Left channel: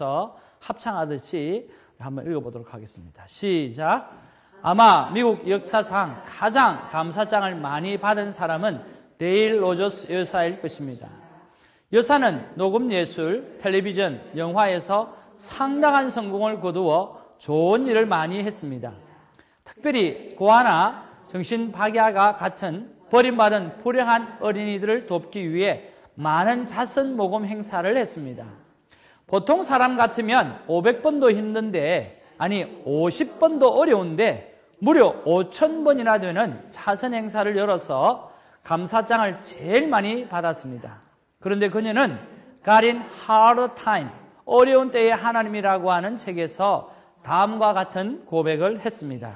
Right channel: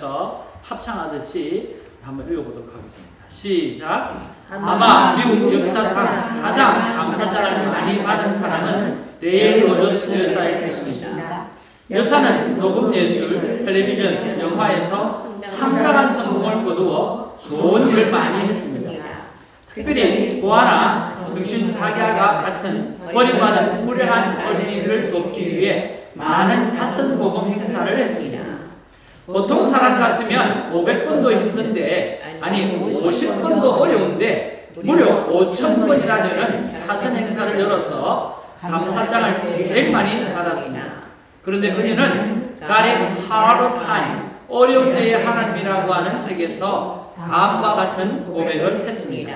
하면서 합창하듯이 한번 읽어보도록 하겠습니다. 시작. 아마 미국 역사상 가장 감사장을 많이 받은 사람은 데일 로저스 여사일 것입니다. 여사는 녹음 예술, 텔레비전, 영화에서 상당한 성공을 거두어 좋은 일을 많이 했습니다. 특별히 고아나 정신학야가 같은 버림받은 불행한 어린이들을 돕기 위해 많은 자선 모금 행사를 했습니다. 보통 사람 같으면 500번도 힘든데, 아니 50번도 어려운데 무려 5,000번이나 되는 자선 행사를 열어서 감사장을 제일 많이 받았습니다. 그런데 그녀는 God in Hard Time, 어려운 때의 하나님이라고 하는 책에서 다음과 같은 고백을 했습니다.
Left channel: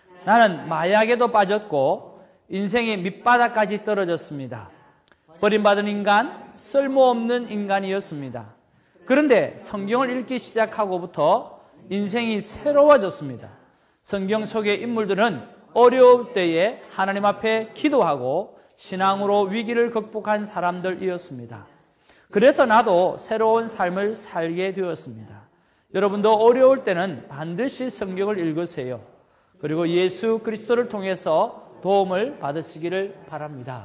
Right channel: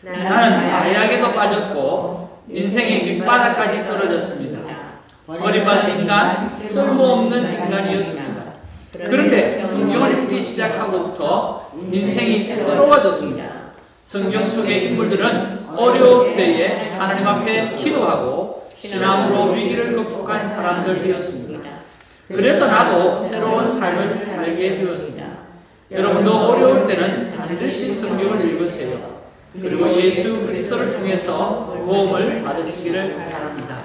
나는 마약에도 빠졌고 인생의 밑바닥까지 떨어졌습니다. 버림받은 인간, 쓸모없는 인간이었습니다. 그런데 성경을 읽기 시작하고부터 인생이 새로워졌습니다. 성경 속의 인물들은 어려울 때에 하나님 앞에 기도하고 신앙으로 위기를 극복한 사람들이었습니다. 그래서 나도 새로운 삶을 살게 되었습니다. 여러분도 어려울 때는 반드시 성경을 읽으세요. 그리고 예수 그리스도를 통해서 도움을 받으시기를 바랍니다.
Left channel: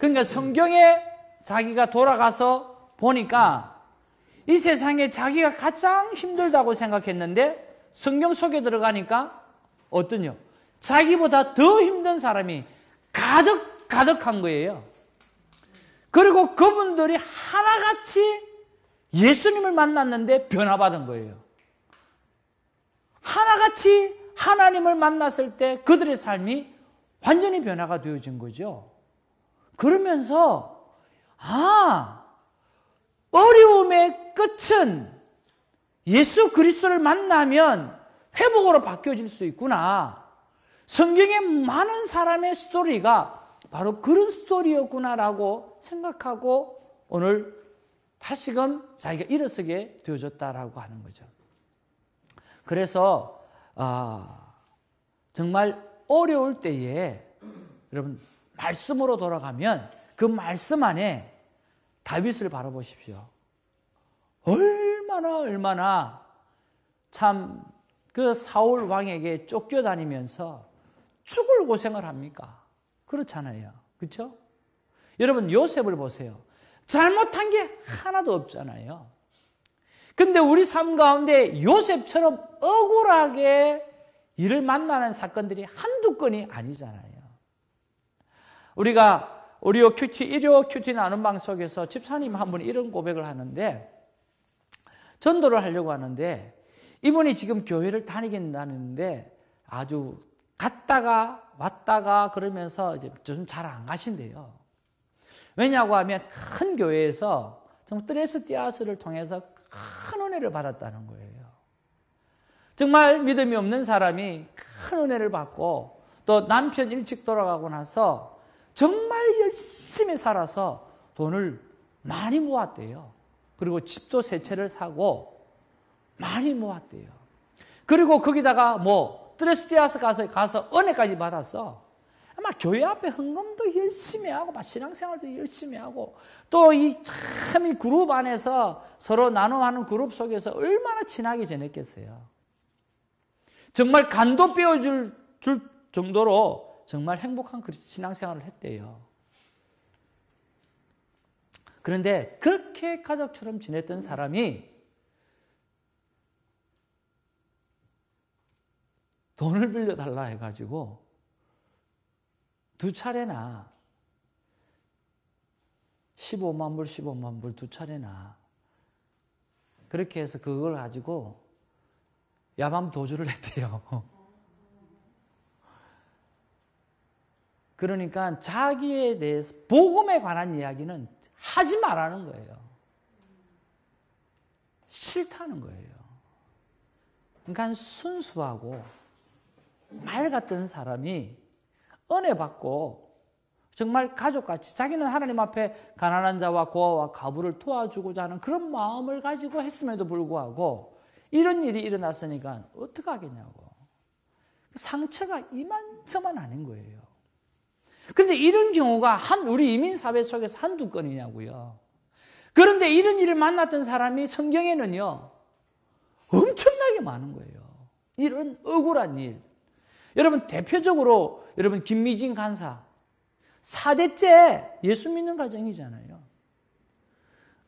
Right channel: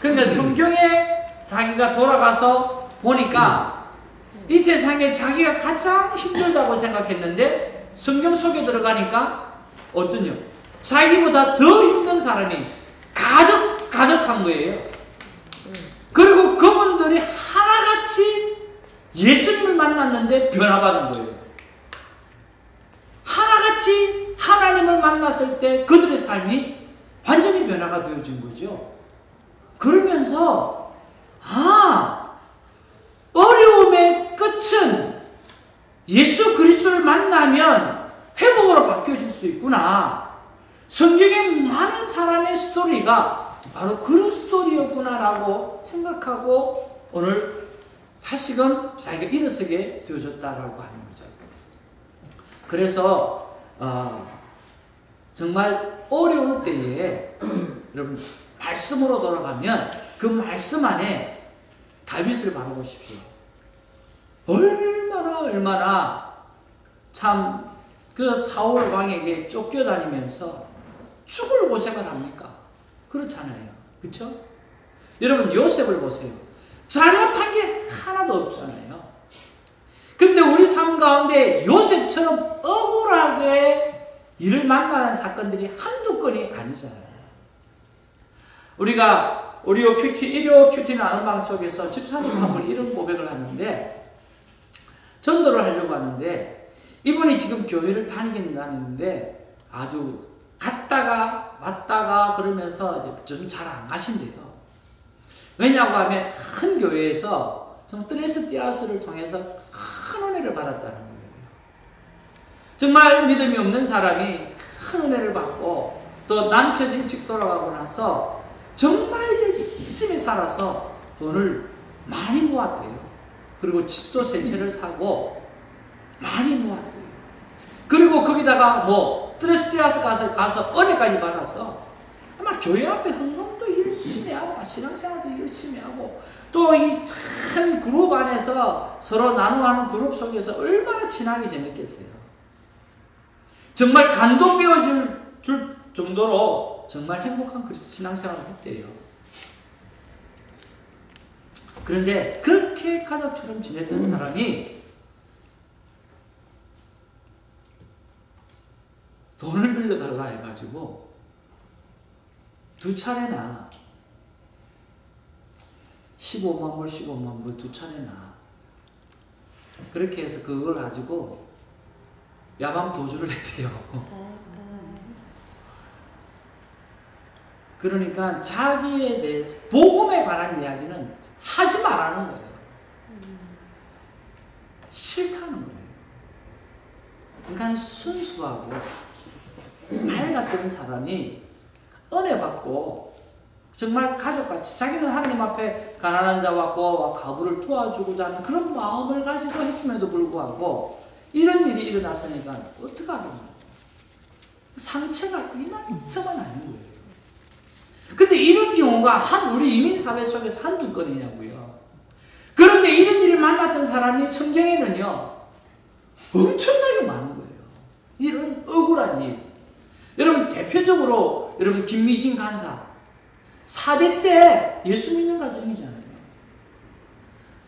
그러니까 성경에 자기가 돌아가서 보니까 이 세상에 자기가 가장 힘들다고 생각했는데 성경 속에 들어가니까 어떠냐? 자기보다 더 힘든 사람이 가득한 거예요. 그리고 그분들이 하나같이 예수님을 만났는데 변화받은 거예요. 하나같이 하나님을 만났을 때 그들의 삶이 완전히 변화가 되어진 거죠. 그러면서 어려움의 끝은 예수 그리스도를 만나면 회복으로 바뀌어질 수 있구나. 성경에 많은 사람의 스토리가 바로 그런 스토리였구나라고 생각하고 오늘 다시금 자기가 일어서게 되어졌다라고 하는 거죠. 그래서 정말 어려울 때에 여러분 말씀으로 돌아가면 그 말씀 안에 다윗을 바로 보십시오. 얼마나 참 그 사울 왕에게 쫓겨다니면서 죽을 고생을 합니까? 그렇잖아요. 그렇죠? 여러분 요셉을 보세요. 잘못한 게 하나도 없잖아요. 근데 우리 삶 가운데 요셉처럼 억울하게 이를 만나는 사건들이 한두 건이 아니잖아요. 우리가 일요 큐티 나눔 방 속에서 집사님 한 번 이런 고백을 하는데 전도를 하려고 하는데 이분이 지금 교회를 다니는데 아주 갔다가 왔다가 그러면서 좀 잘 안 가신대요. 왜냐고 하면 큰 교회에서 좀 트레스티아스를 통해서 큰 은혜를 받았다는 거예요. 정말 믿음이 없는 사람이 큰 은혜를 받고 또 남편 일찍 돌아가고 나서 정말 열심히 살아서 돈을 많이 모았대요. 그리고 집도 세 채를 사고 많이 모았대요. 그리고 거기다가 트레스티아스 가서 은혜까지 받았어. 아마 교회 앞에 헌금도 열심히 하고 신앙생활도 열심히 하고 또 이 참 그룹 안에서 서로 나눠하는 그룹 속에서 얼마나 친하게 지냈겠어요. 정말 감동 배워줄 정도로 정말 행복한 신앙생활을 했대요. 그런데 그렇게 가족처럼 지냈던 사람이 돈을 빌려달라 해가지고 2차례나 15만 불 2차례나 그렇게 해서 그걸 가지고 야밤 도주를 했대요. 그러니까 자기에 대해서 복음에 관한 이야기는 하지 말라는 거예요. 싫다는 거예요. 그러니까 순수하고 말 같은 사람이 은혜 받고 정말 가족같이 자기는 하나님 앞에 가난한 자와 고아와 과부를 도와주고자 하는 그런 마음을 가지고 했음에도 불구하고 이런 일이 일어났으니까 어떡하겠냐고. 상처가 이만저만 아닌 거예요. 근데 이런 경우가 우리 이민사회 속에서 한두 건이냐고요. 그런데 그런데 이런 일을 만났던 사람이 성경에는요, 엄청나게 많은 거예요. 이런 억울한 일. 여러분, 대표적으로, 여러분, 김미진 간사. 4대째 예수 믿는 가정이잖아요.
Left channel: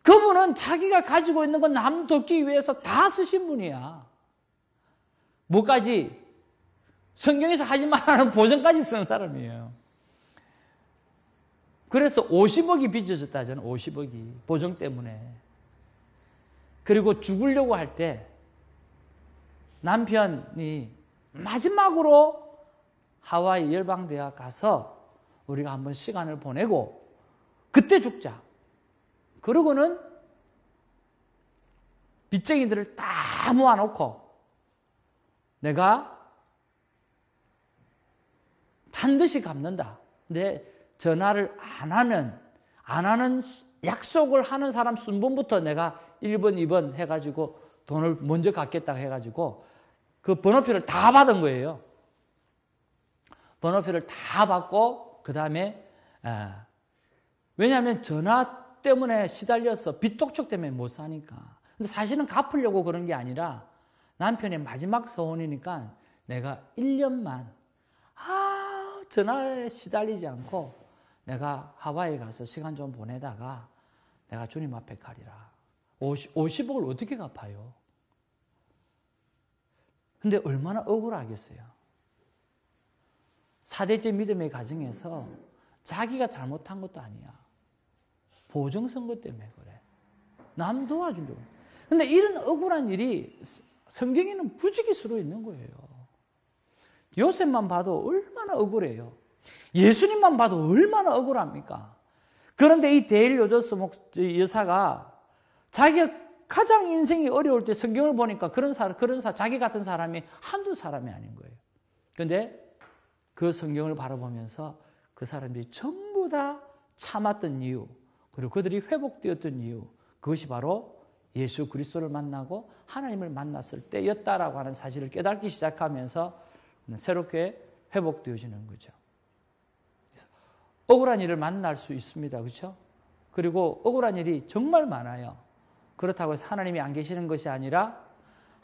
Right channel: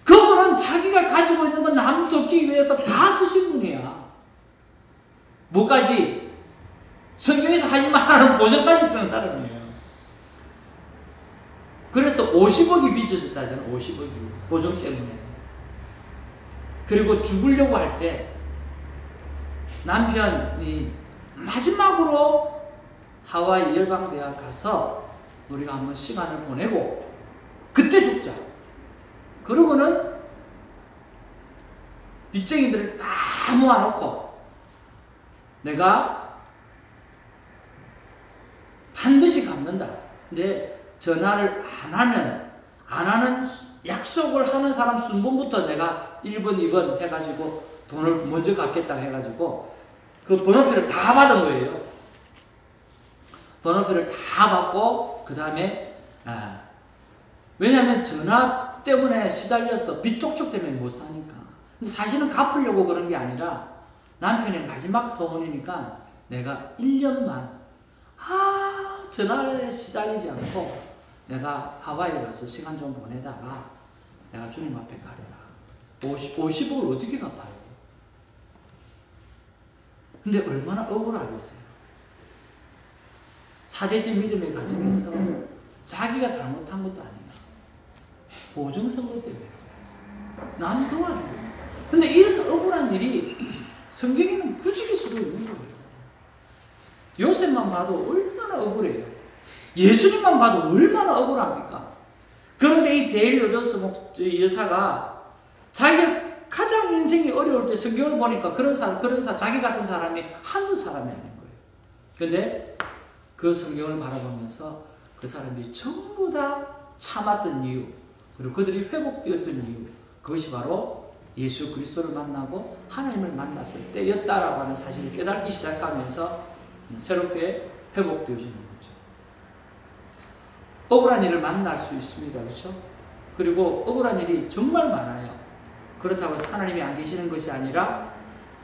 그분은 자기가 가지고 있는 건 남 돕기 위해서 다 쓰신 분이야. 뭐까지? 성경에서 하지 말라는 보증까지 쓴 사람이에요. 그래서 50억이 빚어졌다잖아요. 50억이. 보증 때문에. 그리고 죽으려고 할 때 남편이 마지막으로 하와이 열방대학 가서 우리가 한번 시간을 보내고 그때 죽자. 그러고는 빚쟁이들을 다 모아놓고 내가 반드시 갚는다. 근데 전화를 안 하는 약속을 하는 사람 순번부터 내가 1번, 2번 해가지고 돈을 먼저 갚겠다 해가지고 그 번호표를 다 받은 거예요. 번호표를 다 받고 그 다음에 왜냐하면 전화 때문에 시달려서 빚독촉 때문에 못 사니까. 근데 사실은 갚으려고 그런 게 아니라 남편의 마지막 소원이니까 내가 1년만 전화에 시달리지 않고 내가 하와이 가서 시간 좀 보내다가 내가 주님 앞에 가려라. 50억을 어떻게 갚아요? 근데 얼마나 억울하겠어요. 4대째 믿음의 가정에서 자기가 잘못한 것도 아니야. 보증선거 때문에 남 도와주고. 근데 이런 억울한 일이 성경에는 부지길 수도 있는 거예요. 요셉만 봐도 얼마나 억울해요. 예수님만 봐도 얼마나 억울합니까? 그런데 이 데일 로저스 여사가 자기가 가장 인생이 어려울 때 성경을 보니까 그런 사람, 자기 같은 사람이 한두 사람이 아닌 거예요. 그런데 그 성경을 바라보면서 그 사람들이 전부 다 참았던 이유, 그리고 그들이 회복되었던 이유, 그것이 바로 예수 그리스도를 만나고 하나님을 만났을 때였다라고 하는 사실을 깨닫기 시작하면서 새롭게 회복되어지는 거죠. 억울한 일을 만날 수 있습니다. 그렇죠? 그리고 억울한 일이 정말 많아요. 그렇다고 해서 하나님이 안 계시는 것이 아니라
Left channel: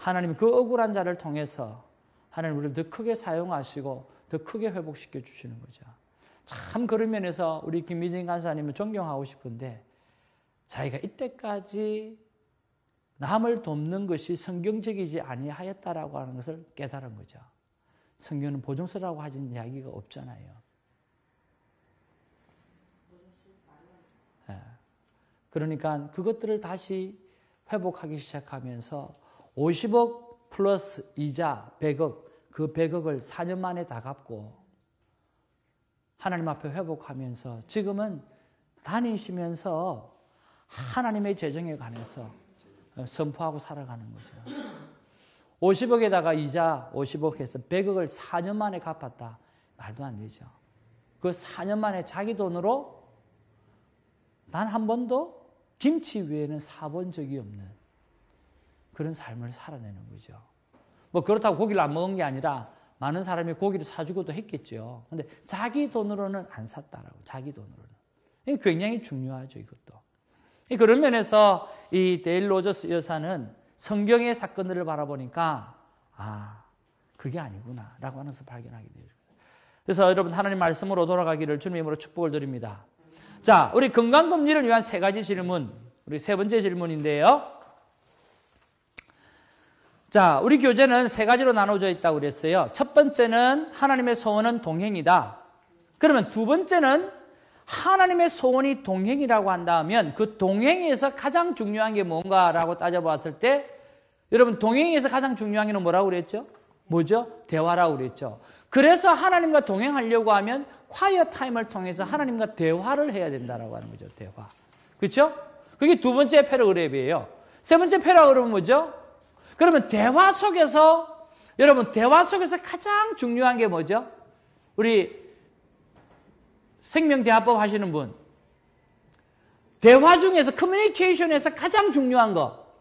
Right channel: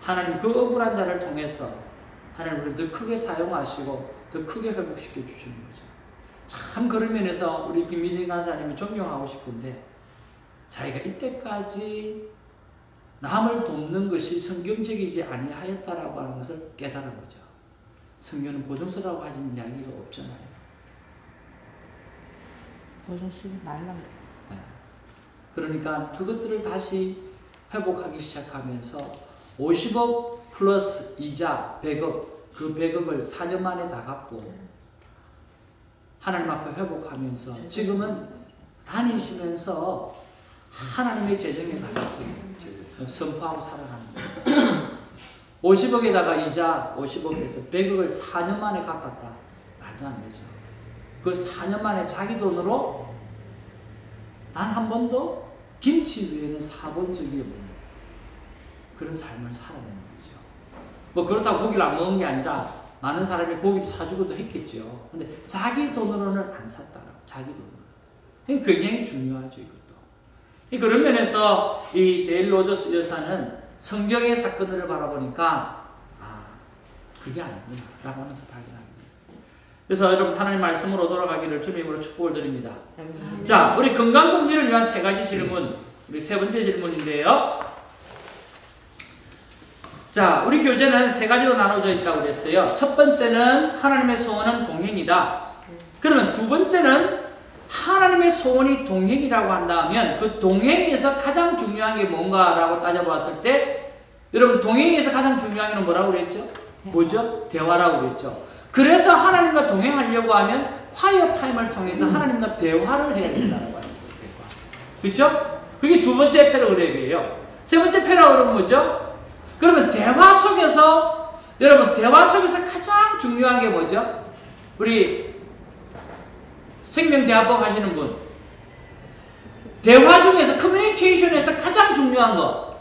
하나님 그 억울한 자를 통해서 하나님 우리를 더 크게 사용하시고 더 크게 회복시켜 주시는 거죠. 참 그런 면에서 우리 김미진 간사님을 존경하고 싶은데 자기가 이때까지 남을 돕는 것이 성경적이지 아니하였다라고 하는 것을 깨달은 거죠. 성경은 보증서라고 하시는 이야기가 없잖아요. 보증 쓰지 말라고. 그러니까 그것들을 다시 회복하기 시작하면서 50억 플러스 이자 100억, 그 100억을 4년 만에 다 갚고 하나님 앞에 회복하면서 지금은 다니시면서 하나님의 재정에 관해서 선포하고 살아가는 거예요. 50억에다가 이자 50억에서 100억을 4년 만에 갚았다. 말도 안 되죠. 그 4년 만에 자기 돈으로 난 한 번도 김치 외에는 사본 적이 없는 그런 삶을 살아내는 거죠. 뭐 그렇다고 고기를 안 먹은 게 아니라 많은 사람이 고기를 사주고도 했겠죠. 근데 자기 돈으로는 안 샀다라고. 자기 돈으로. 이게 굉장히 중요하죠, 이것도. 그런 면에서 이 데일 로저스 여사는 성경의 사건들을 바라보니까 그게 아니구나 라고 하면서 발견합니다. 그래서 여러분 하나님 말씀으로 돌아가기를 주님으로 축복을 드립니다. 자, 우리 건강검진을 위한 세 가지 질문, 우리 세 번째 질문인데요. 자, 우리 교재는 세 가지로 나눠져 있다고 그랬어요. 첫 번째는 하나님의 소원은 동행이다. 그러면 두 번째는 하나님의 소원이 동행이라고 한다면 그 동행에서 가장 중요한 게 뭔가라고 따져봤을 때 여러분 동행에서 가장 중요한 게 뭐라고 그랬죠? 뭐죠? 대화라고 그랬죠. 그래서 하나님과 동행하려고 하면 콰이어 타임을 통해서 하나님과 대화를 해야 된다고 하는 거예요. 그렇죠? 그게 두 번째 패러그랩이에요. 세 번째 패러그랩은 뭐죠? 그러면 대화 속에서 여러분 대화 속에서 가장 중요한 게 뭐죠? 우리 생명대화법 하시는 분 대화 중에서 커뮤니케이션에서 가장 중요한 거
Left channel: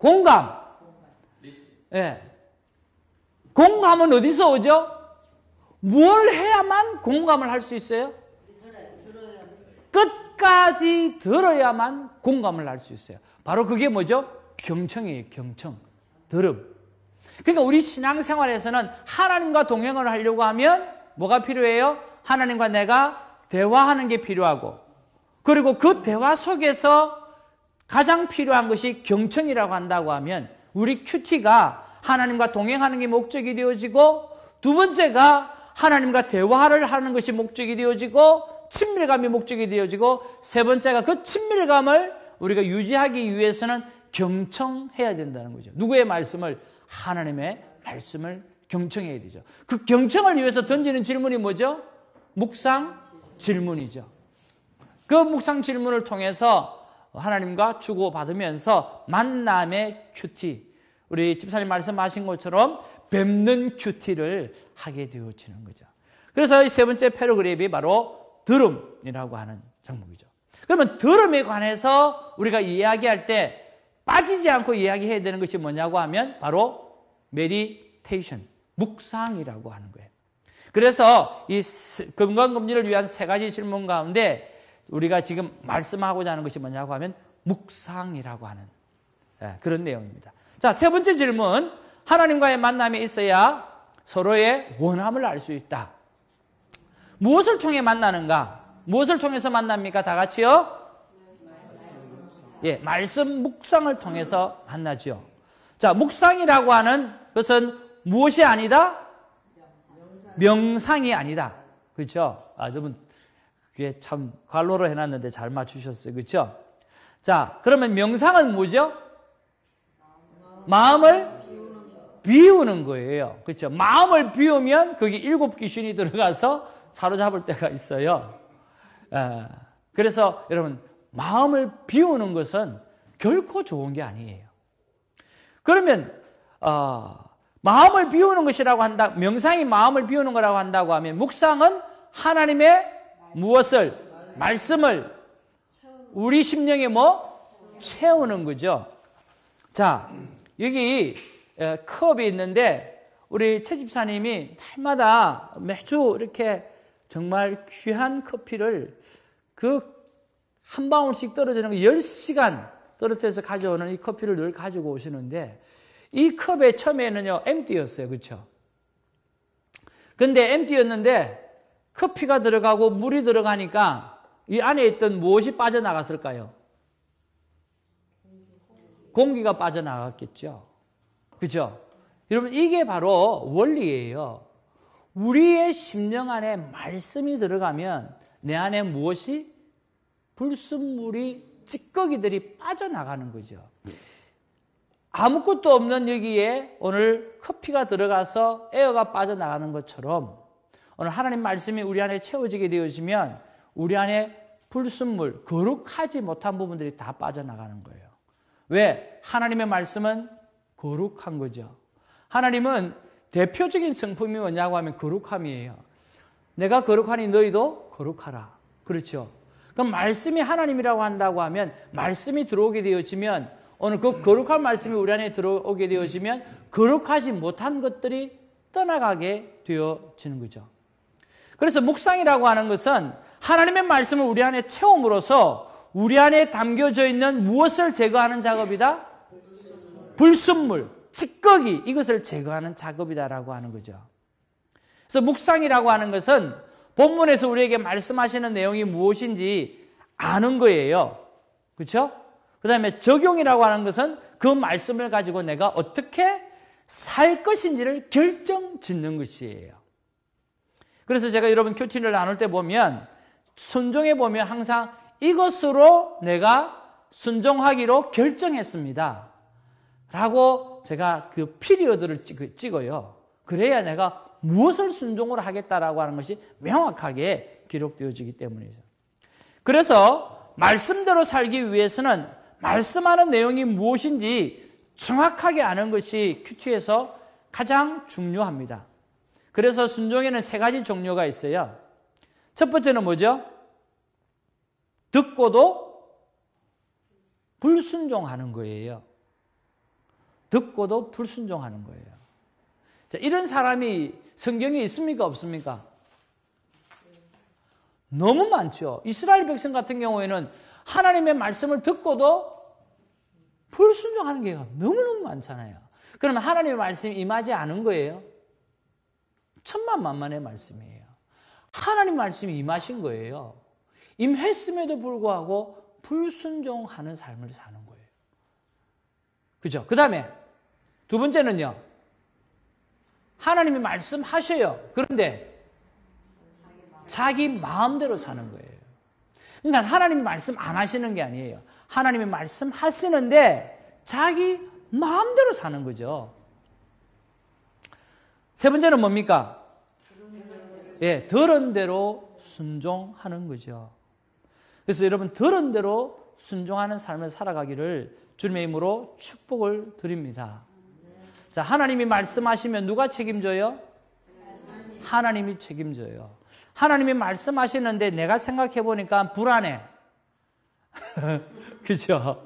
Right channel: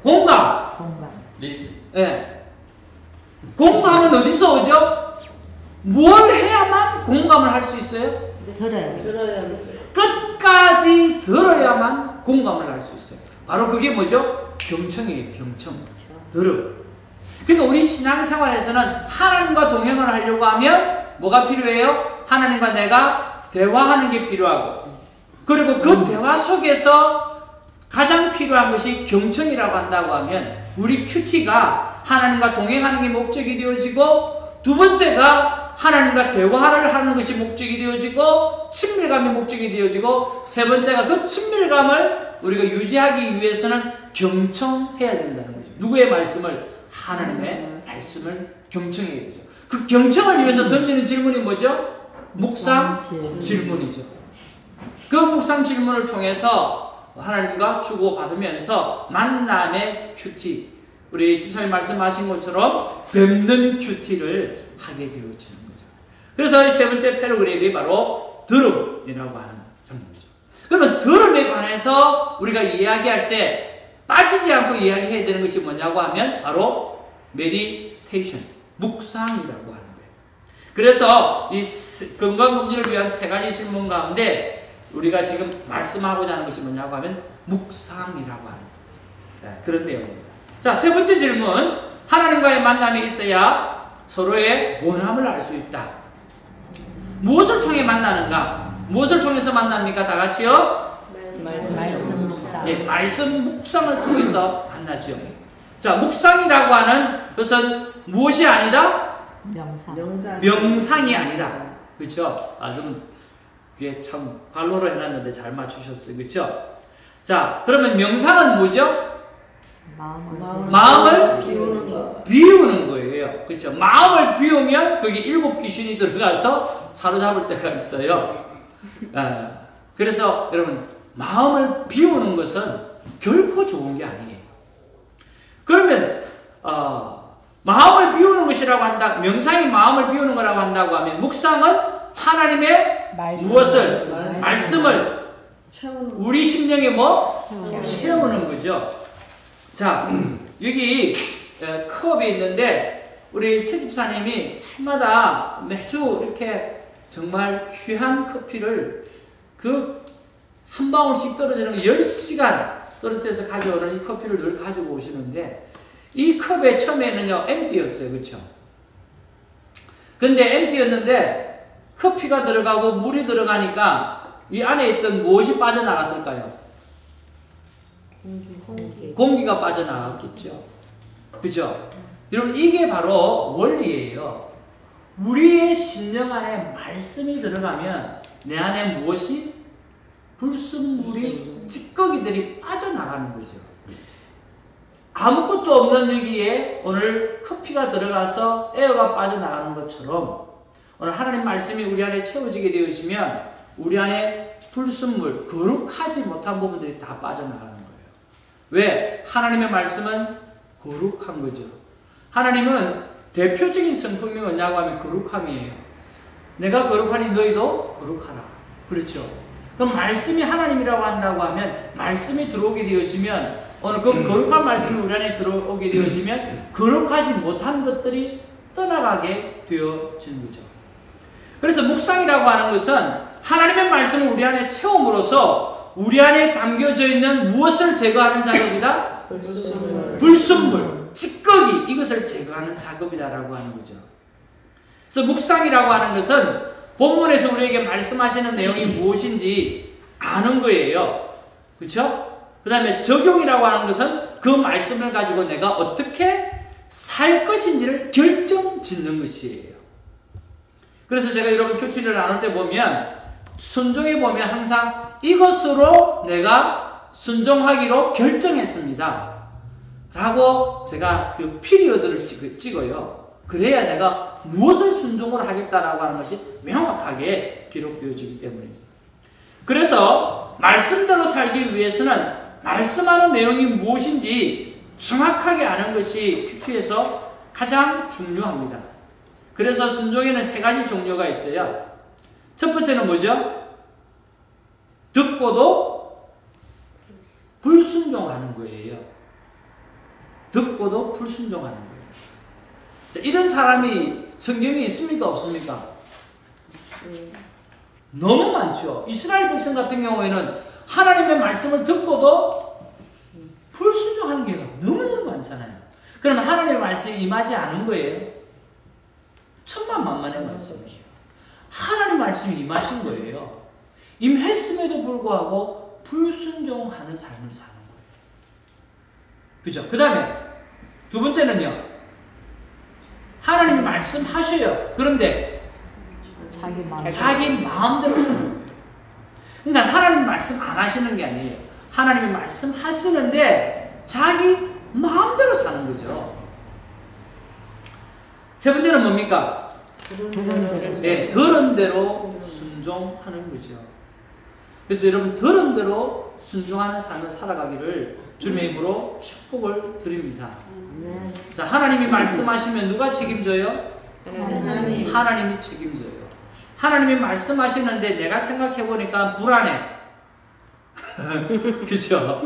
공감. 리스. 네. 공감은 어디서 오죠? 뭘 해야만 공감을 할 수 있어요? 들어요. 끝까지 들어야만 공감을 할 수 있어요. 바로 그게 뭐죠? 경청이에요. 경청. 들음. 그러니까 우리 신앙생활에서는 하나님과 동행을 하려고 하면 뭐가 필요해요? 하나님과 내가 대화하는 게 필요하고, 그리고 그 대화 속에서 가장 필요한 것이 경청이라고 한다고 하면 우리 큐티가 하나님과 동행하는 게 목적이 되어지고, 두 번째가 하나님과 대화를 하는 것이 목적이 되어지고, 친밀감이 목적이 되어지고, 세 번째가 그 친밀감을 우리가 유지하기 위해서는 경청해야 된다는 거죠. 누구의 말씀을? 하나님의 말씀을 경청해야 되죠. 그 경청을 위해서 던지는 질문이 뭐죠? 묵상 질문이죠. 그 묵상 질문을 통해서 하나님과 주고받으면서 만남의 큐티, 우리 집사님 말씀하신 것처럼 뵙는 큐티를 하게 되어지는 거죠. 그래서 이 세 번째 패러그래프이 바로 들음이라고 하는 정도죠. 그러면 들음에 관해서 우리가 이야기할 때 빠지지 않고 이야기해야 되는 것이 뭐냐고 하면 바로 메디테이션, 묵상이라고 하는 거예요. 그래서 이 건강검진을 위한 세 가지 질문 가운데 우리가 지금 말씀하고자 하는 것이 뭐냐고 하면 묵상이라고 하는 그런 내용입니다. 자, 세 번째 질문. 하나님과의 만남이 있어야 서로의 원함을 알 수 있다. 무엇을 통해 만나는가? 무엇을 통해서 만납니까? 다 같이요? 말씀 묵상. 예, 말씀 묵상을 통해서 만나죠. 자, 묵상이라고 하는 것은 무엇이 아니다? 명상이 아니다. 그렇죠? 좀 그게 참 관로를 해놨는데 잘 맞추셨어요. 그렇죠? 자, 그러면 명상은 뭐죠? 마음을 비우는 거예요. 그렇죠? 마음을 비우면 거기 7 귀신이 들어가서 사로잡을 때가 있어요. 그래서 여러분, 마음을 비우는 것은 결코 좋은 게 아니에요. 그러면 마음을 비우는 것이라고 한다, 명상이 마음을 비우는 거라고 한다고 하면 묵상은 하나님의 무엇을? 말씀을 우리 심령에 채우는 거죠. 자, 여기 컵이 있는데 우리 최 집사님이 해마다 매주 이렇게 정말 귀한 커피를 그 한 방울씩 떨어지는 10시간 떨어져서 가져오는 이 커피를 늘 가지고 오시는데, 이 컵의 처음에는요 엠티였어요. 그렇죠? 근데 엠티였는데 커피가 들어가고 물이 들어가니까 이 안에 있던 무엇이 빠져나갔을까요? 공기가 빠져나갔겠죠. 그죠? 여러분, 이게 바로 원리예요. 우리의 심령 안에 말씀이 들어가면 내 안에 무엇이? 불순물이, 찌꺼기들이 빠져나가는 거죠. 아무것도 없는 여기에 오늘 커피가 들어가서 에어가 빠져나가는 것처럼 오늘 하나님 말씀이 우리 안에 채워지게 되어지면 우리 안에 불순물, 거룩하지 못한 부분들이 다 빠져나가는 거예요. 왜? 하나님의 말씀은 거룩한 거죠. 하나님은 대표적인 성품이 뭐냐고 하면 거룩함이에요. 내가 거룩하니 너희도 거룩하라. 그렇죠? 그럼 말씀이 하나님이라고 한다고 하면 말씀이 들어오게 되어지면 오늘 그 거룩한 말씀이 우리 안에 들어오게 되어지면 거룩하지 못한 것들이 떠나가게 되어지는 거죠. 그래서 묵상이라고 하는 것은 하나님의 말씀을 우리 안에 채움으로써 우리 안에 담겨져 있는 무엇을 제거하는 작업이다? 불순물, 찌꺼기, 이것을 제거하는 작업이다라고 하는 거죠. 그래서 묵상이라고 하는 것은 본문에서 우리에게 말씀하시는 내용이 무엇인지 아는 거예요. 그렇죠? 그 다음에 적용이라고 하는 것은 그 말씀을 가지고 내가 어떻게 살 것인지를 결정 짓는 것이에요. 그래서 제가 여러분 큐티를 나눌 때 보면 순종해 보면 항상 이것으로 내가 순종하기로 결정했습니다 라고 제가 그 피리어드를 찍어요. 그래야 내가 무엇을 순종을 하겠다라고 하는 것이 명확하게 기록되어지기 때문입니다. 그래서 말씀대로 살기 위해서는 말씀하는 내용이 무엇인지 정확하게 아는 것이 큐티에서 가장 중요합니다. 그래서 순종에는 3가지 종류가 있어요. 첫 번째는 뭐죠? 듣고도 불순종하는 거예요. 듣고도 불순종하는 거예요. 자, 이런 사람이 성경에 있습니까? 없습니까? 너무 많죠. 이스라엘 백성 같은 경우에는 하나님의 말씀을 듣고도 불순종하는 경우가 너무너무 많잖아요. 그럼 하나님의 말씀이 임하지 않은 거예요. 천만만만의 말씀이에요. 하나님 말씀이 임하신 거예요. 임했음에도 불구하고 불순종하는 삶을 사는 거예요. 그죠? 그 다음에 두 번째는요. 하나님이 말씀하셔요. 그런데 자기 마음대로 사는 거예요. 그러니까 하나님 말씀 안 하시는 게 아니에요. 하나님이 말씀하시는데 자기 마음대로 사는 거죠. 세 번째는 뭡니까? 네, 들은 대로 순종하는 거죠. 그래서 여러분 들은 대로 순종하는 삶을 살아가기를 주님의 이름으로 축복을 드립니다. 자, 하나님이 말씀하시면 누가 책임져요? 하나님이 책임져요. 하나님이 말씀하시는데 내가 생각해 보니까 불안해. 그죠?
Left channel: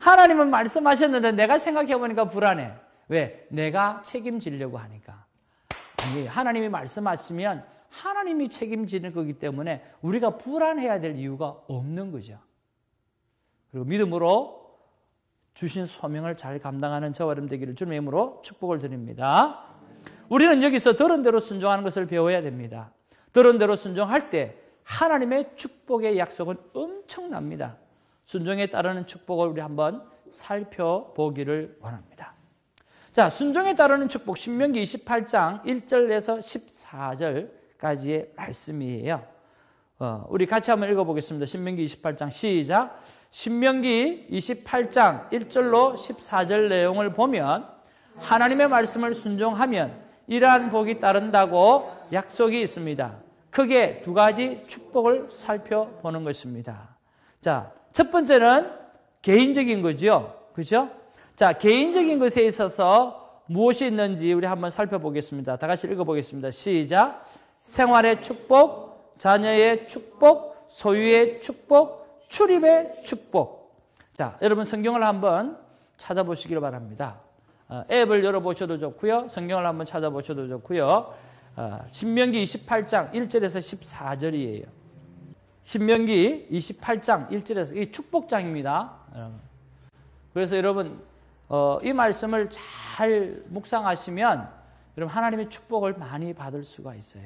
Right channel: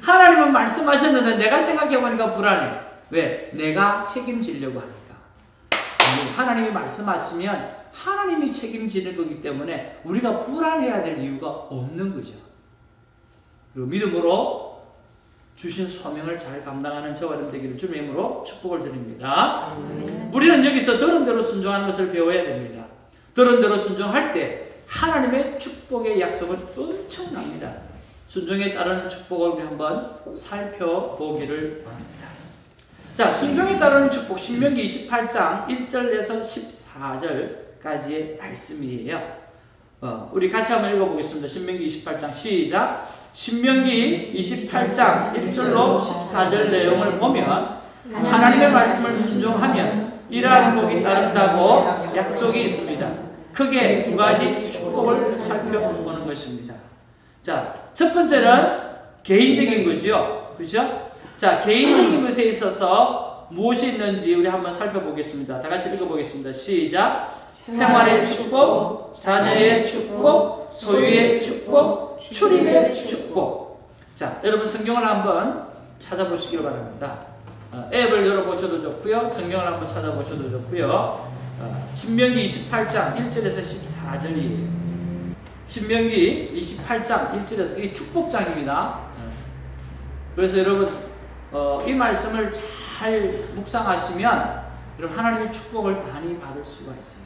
하나님은 말씀하셨는데 내가 생각해 보니까 불안해. 왜? 내가 책임지려고 하니까. 하나님이 말씀하시면 하나님이 책임지는 거기 때문에 우리가 불안해야 될 이유가 없는 거죠. 그리고 믿음으로 주신 소명을 잘 감당하는 저와 여러분 되기를 주님의 이름으로 축복을 드립니다. 우리는 여기서 들은 대로 순종하는 것을 배워야 됩니다. 들은 대로 순종할 때 하나님의 축복의 약속은 엄청납니다. 순종에 따른 축복을 우리 한번 살펴보기를 원합니다. 자, 순종에 따른 축복 신명기 28장 1절에서 14절까지의 말씀이에요. 우리 같이 한번 읽어보겠습니다. 신명기 28장 시작. 신명기 28장 1절로 14절 내용을 보면 하나님의 말씀을 순종하면 이러한 복이 따른다고 약속이 있습니다. 크게 두 가지 축복을 살펴보는 것입니다. 자, 첫 번째는 개인적인 거죠. 그죠? 자, 개인적인 것에 있어서 무엇이 있는지 우리 한번 살펴보겠습니다. 다 같이 읽어보겠습니다. 시작. 생활의 축복, 자녀의 축복, 소유의 축복, 출입의 축복. 자, 여러분 성경을 한번 찾아보시기 바랍니다. 앱을 열어보셔도 좋고요. 성경을 한번 찾아보셔도 좋고요. 신명기 28장 1절에서 14절이에요. 신명기 28장 1절에서 이 축복장입니다. 그래서 여러분 이 말씀을 잘 묵상하시면 여러분 하나님의 축복을 많이 받을 수가 있어요.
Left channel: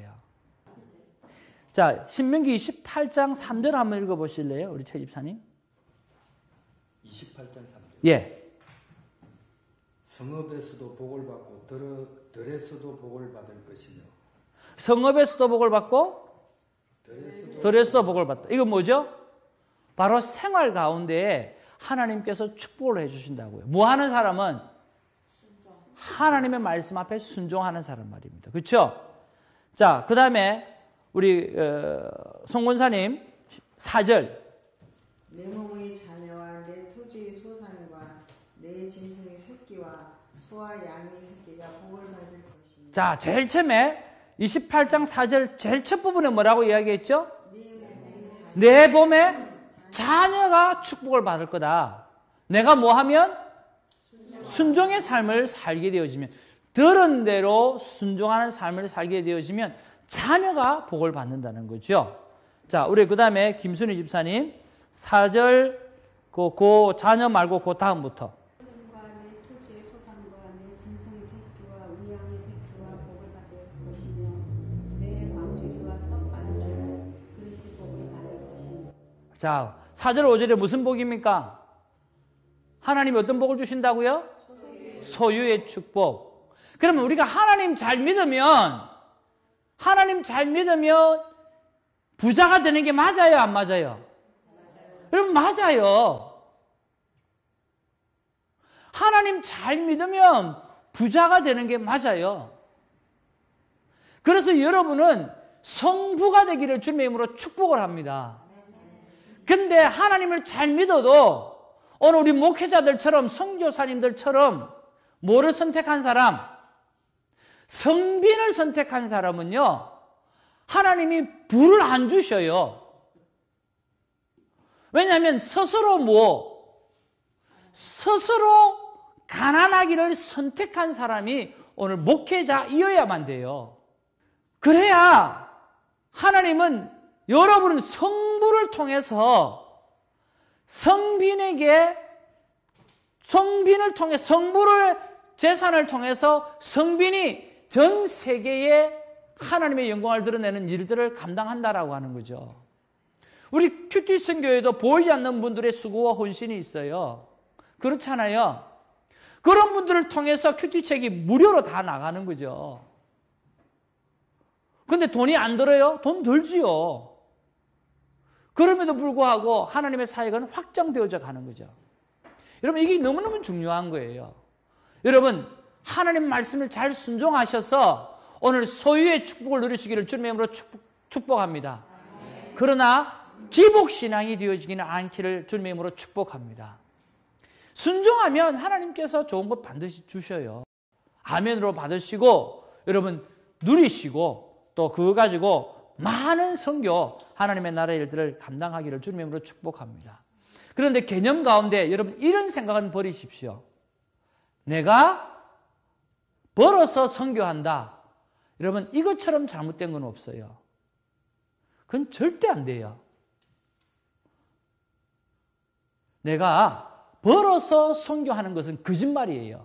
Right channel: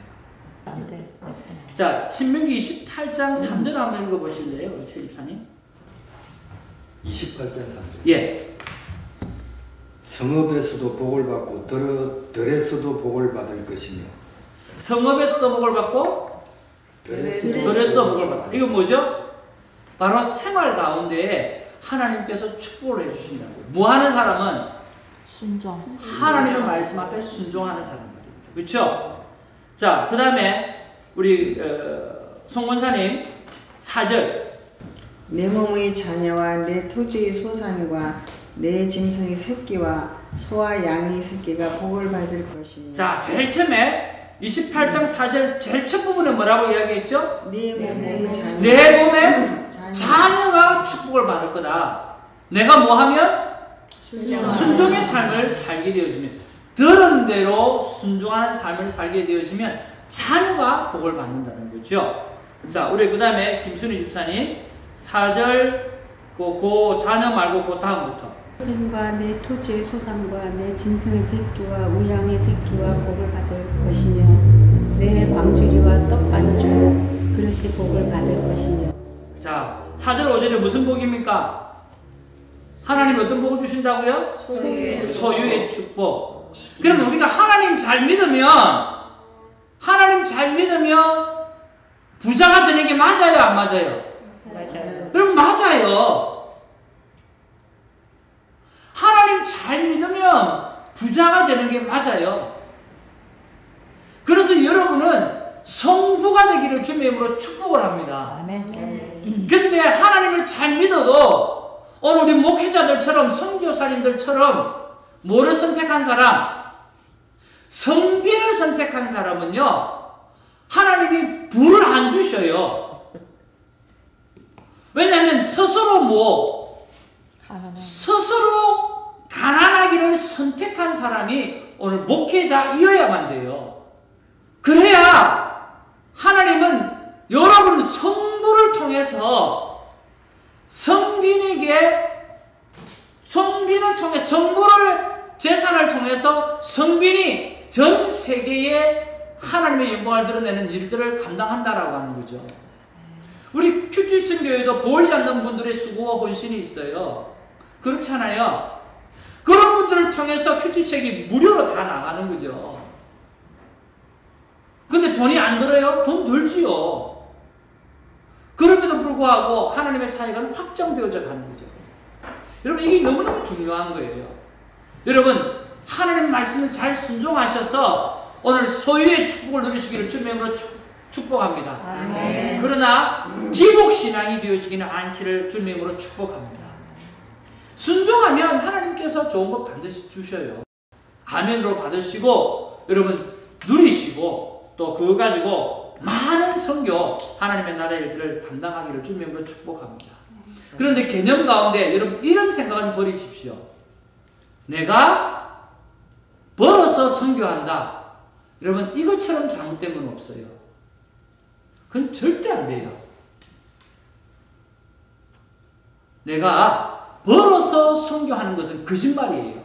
자, 신명기 28장 3절 한번 읽어보실래요? 우리 최 집사님. 28장 3절. 예. 성읍에서도 복을 받고 들에서도 복을 받을 것이며. 성읍에서도 복을 받고 들에서도 복을 받고. 이거 뭐죠? 바로 생활 가운데에 하나님께서 축복을 해주신다고. 뭐 하는 사람은? 순종. 하나님의 말씀 앞에 순종하는 사람들입니다. 그렇죠? 자, 그 다음에 우리 송원사님 4절. 내 몸의 자녀와 내 토지의 소산과 내 짐승의 새끼와 소와 양의 새끼가 복을 받을 것이니. 자, 제일 처음에 28장 4절 제일 첫 부분에 뭐라고 이야기했죠? 내 몸의 자녀. 내 몸에 자녀가 축복을 받을 거다. 내가 뭐 하면? 순종의 삶을 살게 되어지면, 들은 대로 순종하는 삶을 살게 되어지면 자녀가 복을 받는다는 거죠. 자, 우리 그 다음에 김순희 집사님 4절 그 자녀 말고 그 다음부터. 소생과 내 토지의 소산과 내 짐승의 새끼와 우양의 새끼와 복을 받을 것이며 내 광주리와 떡반죽 그릇이 복을 받을 것이며. 자, 4절 5절에 무슨 복입니까? 하나님 어떤 복을 주신다고요? 소유의 축복. 그럼 우리가 하나님 잘 믿으면 부자가 되는 게 맞아요, 안 맞아요? 그럼 맞아요. 하나님 잘 믿으면 부자가 되는 게 맞아요. 그래서 여러분은 성부가 되기를 주님의 이름으로 축복을 합니다. 근데 하나님을 잘 믿어도 오늘 우리 목회자들처럼 선교사님들처럼 뭐를 선택한 사람? 성빈을 선택한 사람은요, 하나님이 부를 안 주셔요. 왜냐하면 스스로 가난하기를 선택한 사람이 오늘 목회자이어야만 돼요. 그래야 하나님은 여러분 성부를 통해서 성빈을 통해 성물을 제사를 통해서 성빈이 전 세계에 하나님의 영광을 드러내는 일들을 감당한다라고 하는 거죠. 우리 큐티슨 교회도 보이지 않는 분들의 수고와 헌신이 있어요. 그렇잖아요. 그런 분들을 통해서 큐티책이 무료로 다 나가는 거죠. 근데 돈이 안 들어요? 돈 들지요. 그럼에도 불구하고 하나님의 사역은 확장되어져 가는 거죠. 여러분, 이게 너무너무 중요한 거예요. 여러분, 하나님 말씀을 잘 순종하셔서 오늘 소유의 축복을 누리시기를 주님으로 축복합니다. 아멘. 그러나 기복신앙이 되어지기는 않기를 주님으로 축복합니다. 순종하면 하나님께서 좋은 것 반드시 주셔요. 아멘으로 받으시고 여러분 누리시고 또 그거 가지고 많은 선교 하나님의 나라의 일들을 감당하기를 주님으로 축복합니다. 그런데 개념 가운데 여러분 이런 생각은 버리십시오. 내가 벌어서 선교한다. 여러분 이것처럼 잘못된 건 없어요. 그건 절대 안 돼요. 내가 벌어서 선교하는 것은 거짓말이에요.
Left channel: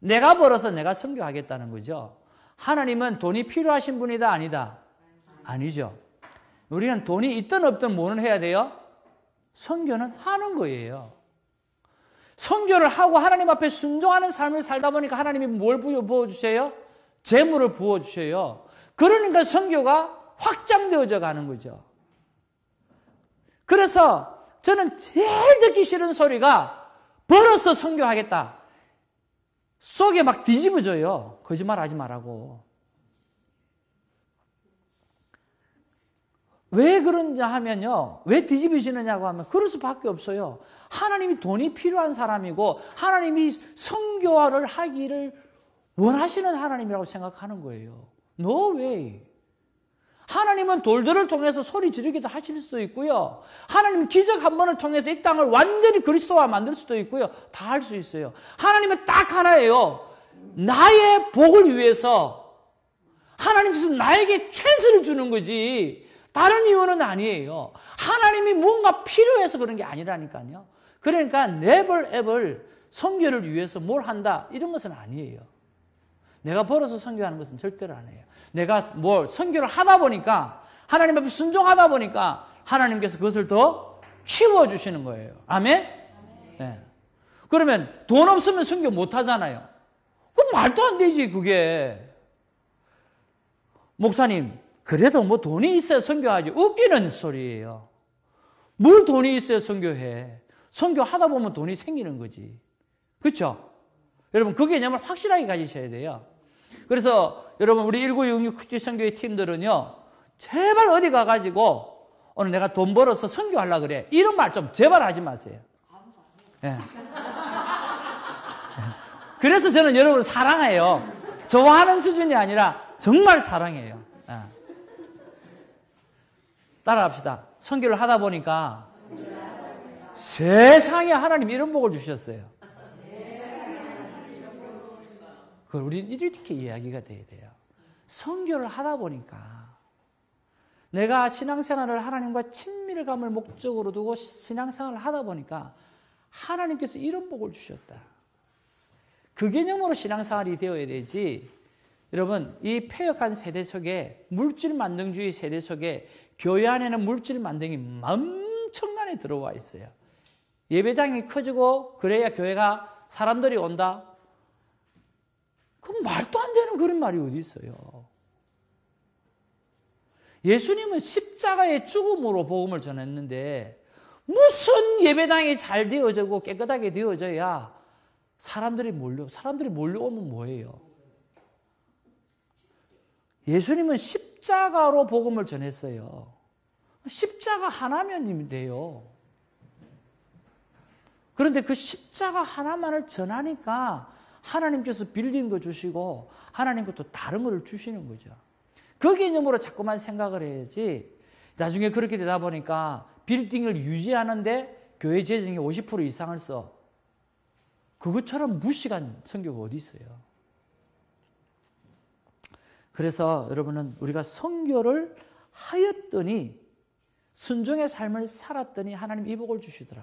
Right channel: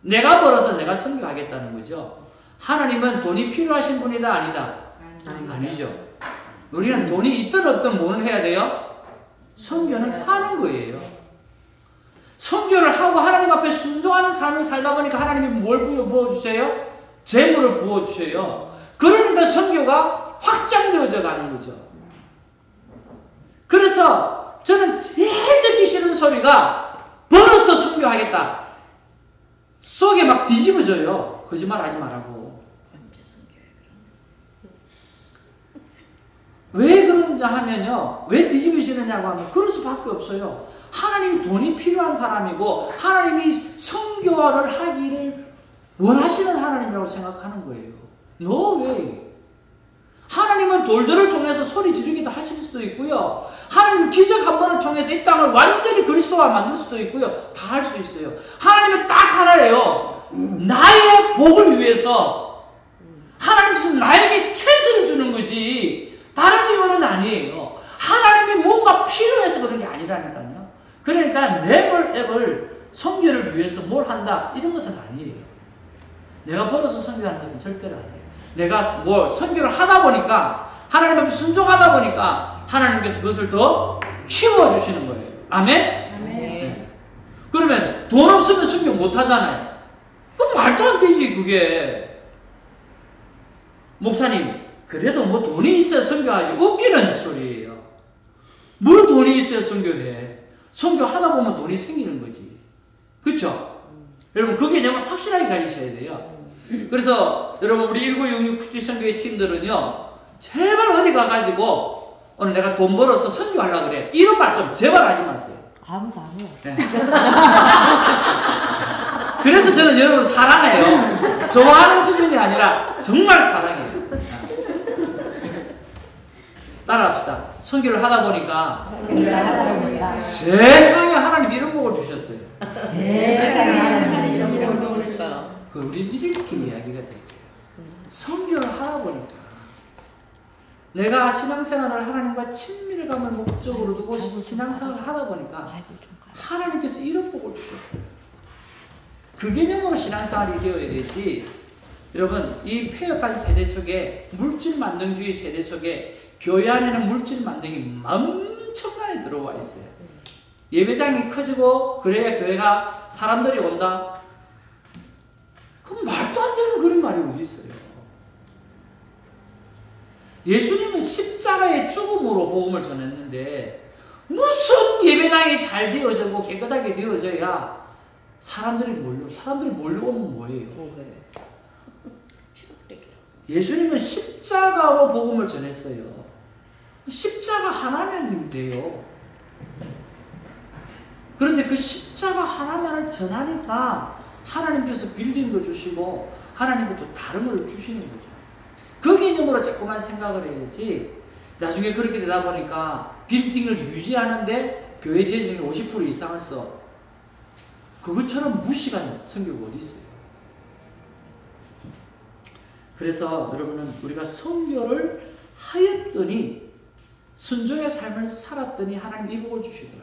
내가 벌어서 내가 선교하겠다는 거죠. 하나님은 돈이 필요하신 분이다 아니다? 아니죠. 우리는 돈이 있든 없든 뭐를 해야 돼요? 선교는 하는 거예요. 선교를 하고 하나님 앞에 순종하는 삶을 살다 보니까 하나님이 뭘 부어주세요? 재물을 부어주셔요. 그러니까 선교가 확장되어져 가는 거죠. 그래서 저는 제일 듣기 싫은 소리가 벌어서 선교하겠다. 속에 막 뒤집어져요. 거짓말 하지 말라고. 왜 그런지 하면요. 왜 뒤집어지느냐고 하면 그럴 수밖에 없어요. 하나님이 돈이 필요한 사람이고 하나님이 선교를 하기를 원하시는 하나님이라고 생각하는 거예요. No way. 하나님은 돌들을 통해서 소리 지르기도 하실 수도 있고요. 하나님은 기적 한 번을 통해서 이 땅을 완전히 그리스도화 만들 수도 있고요. 다 할 수 있어요. 하나님은 딱 하나예요. 나의 복을 위해서 하나님께서 나에게 최선을 주는 거지 다른 이유는 아니에요. 하나님이 뭔가 필요해서 그런 게 아니라니까요. 그러니까 never ever 선교를 위해서 뭘 한다 이런 것은 아니에요. 내가 벌어서 선교하는 것은 절대로 아니에요. 내가 뭘 선교를 하다 보니까 하나님 앞에 순종하다 보니까 하나님께서 그것을 더 키워주시는 거예요. 아멘? 아멘. 네. 그러면 돈 없으면 선교 못 하잖아요. 그럼 말도 안 되지 그게. 목사님 그래도 뭐 돈이 있어야 선교하지. 웃기는 소리예요. 뭐 돈이 있어야 선교해. 선교하다 보면 돈이 생기는 거지. 그렇죠? 여러분 그 개념을 확실하게 가지셔야 돼요. 그래서 여러분 우리 1966 큐티 선교회 팀들은요 제발 어디 가가지고 오늘 내가 돈 벌어서 선교하려고 그래 이런 말 좀 제발 하지 마세요. 아무도 안 해요. 네. 그래서 저는 여러분을 사랑해요. 좋아하는 수준이 아니라 정말 사랑해요. 따라합시다. 선교를 하다 보니까 세상에 하나님 이런 복을 주셨어요. 세상에 하나님 이런 복을 주셨어요. 우리 이렇게 이야기가 될게요. 선교를 하다 보니까 내가 신앙생활을 하나님과 친밀감을 목적으로 두고 신앙생활을 하다 보니까 하나님께서 이런 복을 주셨어요. 그 개념으로 신앙생활이 되어야 되지. 여러분 이 폐역한 세대 속에 물질 만능주의 세대 속에 교회 안에는 물질 만능이 엄청나게 들어와 있어요. 예배당이 커지고 그래야 교회가 사람들이 온다. 그럼 말도 안 되는 그런 말이 어디 있어요. 예수님은 십자가의 죽음으로 복음을 전했는데 무슨 예배당이 잘 되어지고 깨끗하게 되어져야 사람들이 몰려오면 뭐예요? 예수님은 십자가로 복음을 전했어요. 십자가 하나면 돼요. 그런데 그 십자가 하나만을 전하니까 하나님께서 빌딩도 주시고 하나님은 또 다른 걸 주시는 거죠. 그 개념으로 자꾸만 생각을 해야지 나중에 그렇게 되다 보니까 빌딩을 유지하는데 교회 재정의 50% 이상을 써. 그것처럼 무식한 성교가 어디 있어요. 그래서 여러분은 우리가 선교를 하였더니 순종의 삶을 살았더니 하나님 이 복을 주시더라.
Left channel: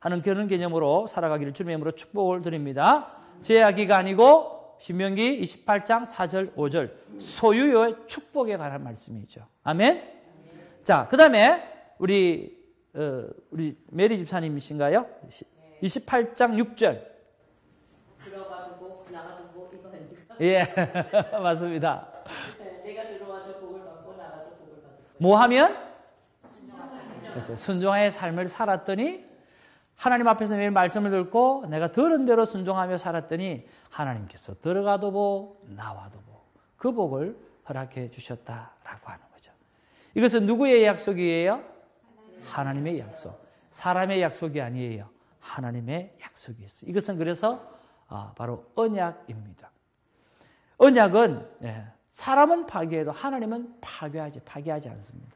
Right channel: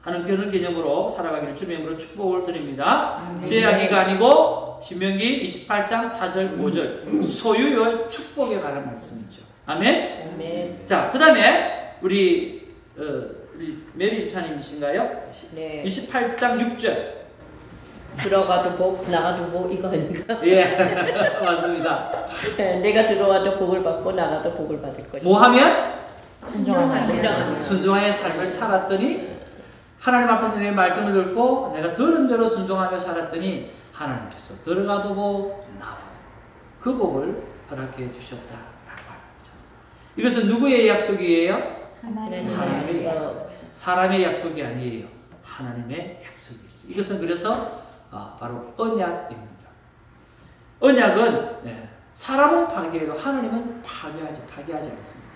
하는 그런 개념으로 살아가기를 주님의 이름으로 축복을 드립니다. 제약이가 아니고 신명기 28장 4절 5절 소유의 축복에 관한 말씀이죠. 아멘. 아멘. 자, 그 다음에 우리 메리 집사님이신가요? 네. 28장 6절. 들어가도 복, 나가도 복 이거 아닌가? 예, 맞습니다. 내가 들어와도 복을 받고 나가도 복을 받을 것이다. 뭐 하면? 순종하면. 순종하여 삶을 살았더니 하나님 앞에서 내 말씀을 듣고 내가 들은 대로 순종하며 살았더니 하나님께서 들어가도 복, 나와도 그 복을 허락해 주셨다라고 하는 거죠. 이것은 누구의 약속이에요? 하나님의 약속. 사람의 약속이 아니에요. 하나님의 약속이 있어요. 이것은 그래서 바로 언약입니다. 언약은 사람은 파괴해도 하나님은 파괴하지 않습니다.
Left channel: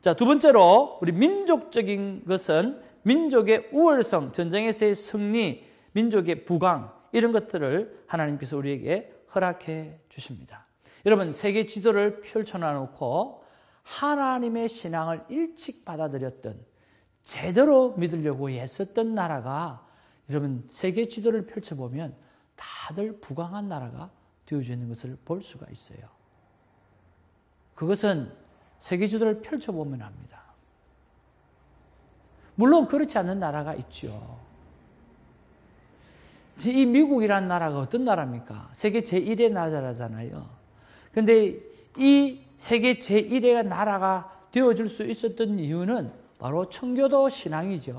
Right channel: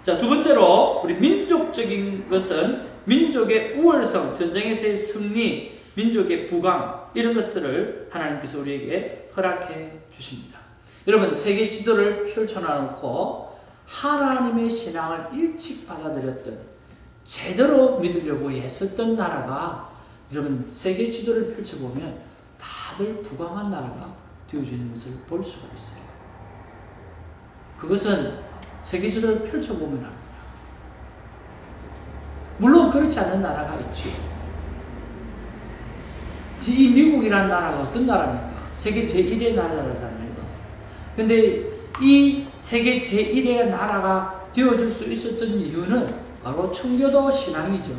자, 두 번째로 우리 민족적인 것은 민족의 우월성, 전쟁에서의 승리, 민족의 부강 이런 것들을 하나님께서 우리에게 허락해 주십니다. 여러분, 세계 지도를 펼쳐놓고 하나님의 신앙을 일찍 받아들였던 제대로 믿으려고 애썼던 나라가 여러분 세계 지도를 펼쳐보면 다들 부강한 나라가 되어지는 것을 볼 수가 있어요. 그것은 세계 지도를 펼쳐보면 합니다. 물론 그렇지 않는 나라가 있죠. 이 미국이라는 나라가 어떤 나라입니까? 세계 제1의 나라잖아요. 근데 이 세계 제1의 나라가 되어줄 수 있었던 이유는 바로 청교도 신앙이죠.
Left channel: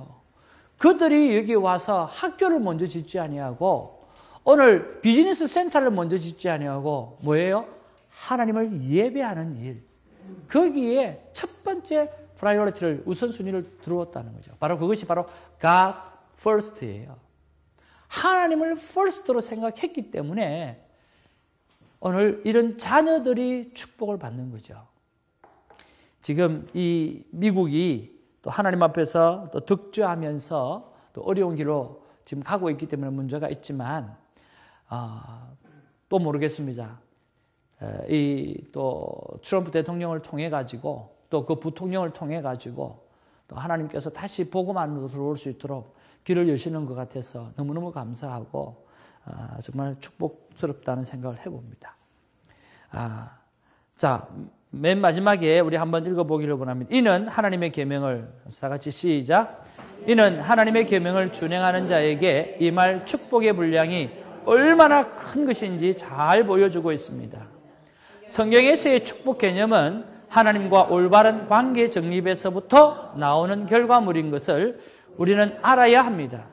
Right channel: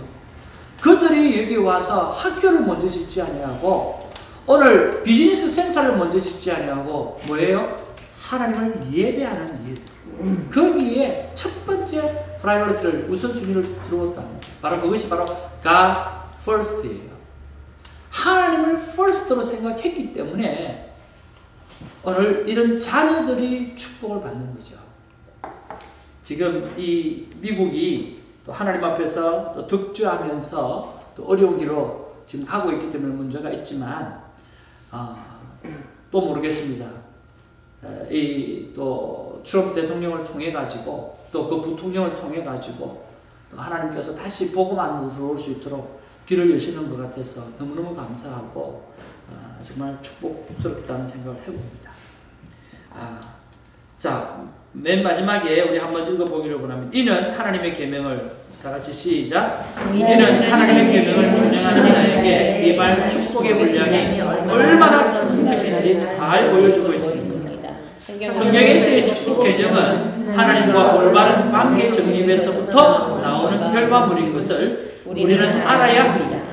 그들이 여기 와서 학교를 먼저 짓지 아니하고 오늘 비즈니스 센터를 먼저 짓지 아니하고 뭐예요? 하나님을 예배하는 일. 거기에 첫 번째 프라이어리티를 우선순위를 들어왔다는 거죠. 바로 그것이 바로 God first예요. 하나님을 first로 생각했기 때문에 오늘 이런 자녀들이 축복을 받는 거죠. 지금 이 미국이 또 하나님 앞에서 또 득주하면서 또 어려운 길로 지금 가고 있기 때문에 문제가 있지만 또 모르겠습니다. 이 또 트럼프 대통령을 통해 가지고 또 그 부통령을 통해 가지고 또 하나님께서 다시 복음 안으로 들어올 수 있도록 길을 여시는 것 같아서 너무너무 감사하고 정말 축복스럽다는 생각을 해봅니다. 자, 맨 마지막에 우리 한번 읽어보기를 원합니다. 이는 하나님의 계명을 다같이 시작. 이는 하나님의 계명을 준행하는 자에게 임할 축복의 분량이 얼마나 큰 것인지 잘 보여주고 있습니다. 성경에서의 축복 개념은 하나님과 올바른 관계 정립에서부터 나오는 결과물인 것을 우리는 알아야 합니다.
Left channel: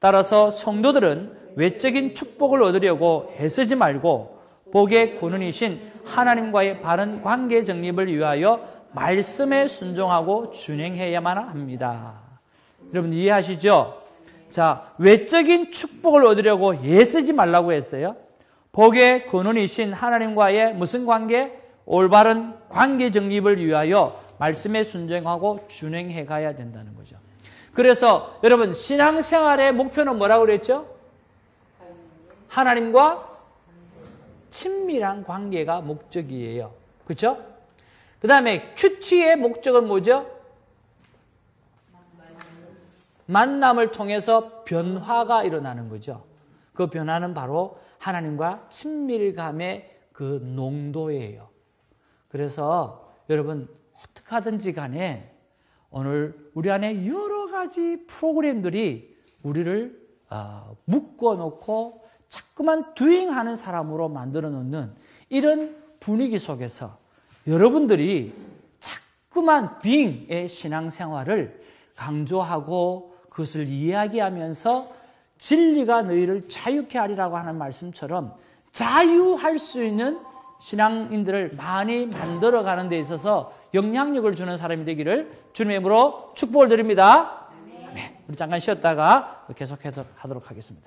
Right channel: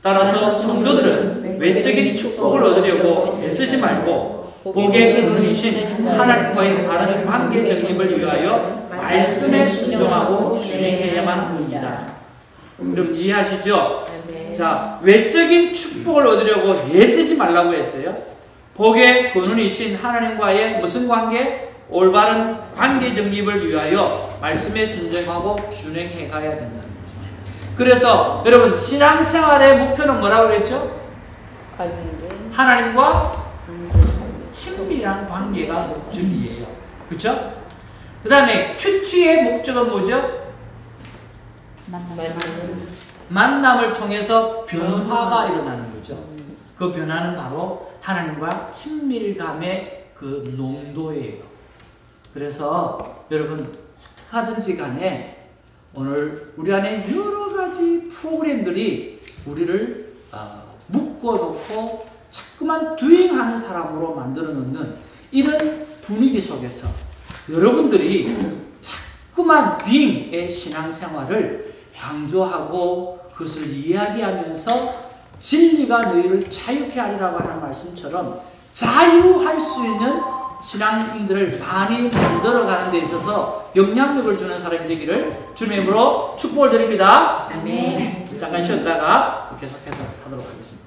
따라서 성도들은 외적인 축복을 얻으려고 애쓰지 말고 복의 근원이신 하나님과의 바른 관계 정립을 위하여 말씀에 순종하고 준행해야만 합니다. 여러분 이해하시죠? 자, 외적인 축복을 얻으려고 애쓰지 말라고 했어요. 복의 근원이신 하나님과의 무슨 관계? 올바른 관계 정립을 위하여 말씀에 순종하고 준행해 가야 된다는 거죠. 그래서 여러분 신앙생활의 목표는 뭐라고 그랬죠? 하나님과 친밀한 관계가 목적이에요. 그렇죠? 그 다음에 큐티의 목적은 뭐죠? 만남을 통해서 변화가 일어나는 거죠. 그 변화는 바로 하나님과 친밀감의 그 농도예요. 그래서 여러분 어떻게 하든지 간에 오늘 우리 안에 여러 가지 프로그램들이 우리를 묶어놓고 자꾸만 듀잉하는 사람으로 만들어 놓는 이런 분위기 속에서 여러분들이 자꾸만 빙의 신앙생활을 강조하고 그것을 이야기하면서 진리가 너희를 자유케 하리라고 하는 말씀처럼 자유할 수 있는 신앙인들을 많이 만들어가는 데 있어서 영향력을 주는 사람이 되기를 주님의 이름으로 축복을 드립니다. 아멘. 잠깐 쉬었다가 계속해서 하도록 하겠습니다.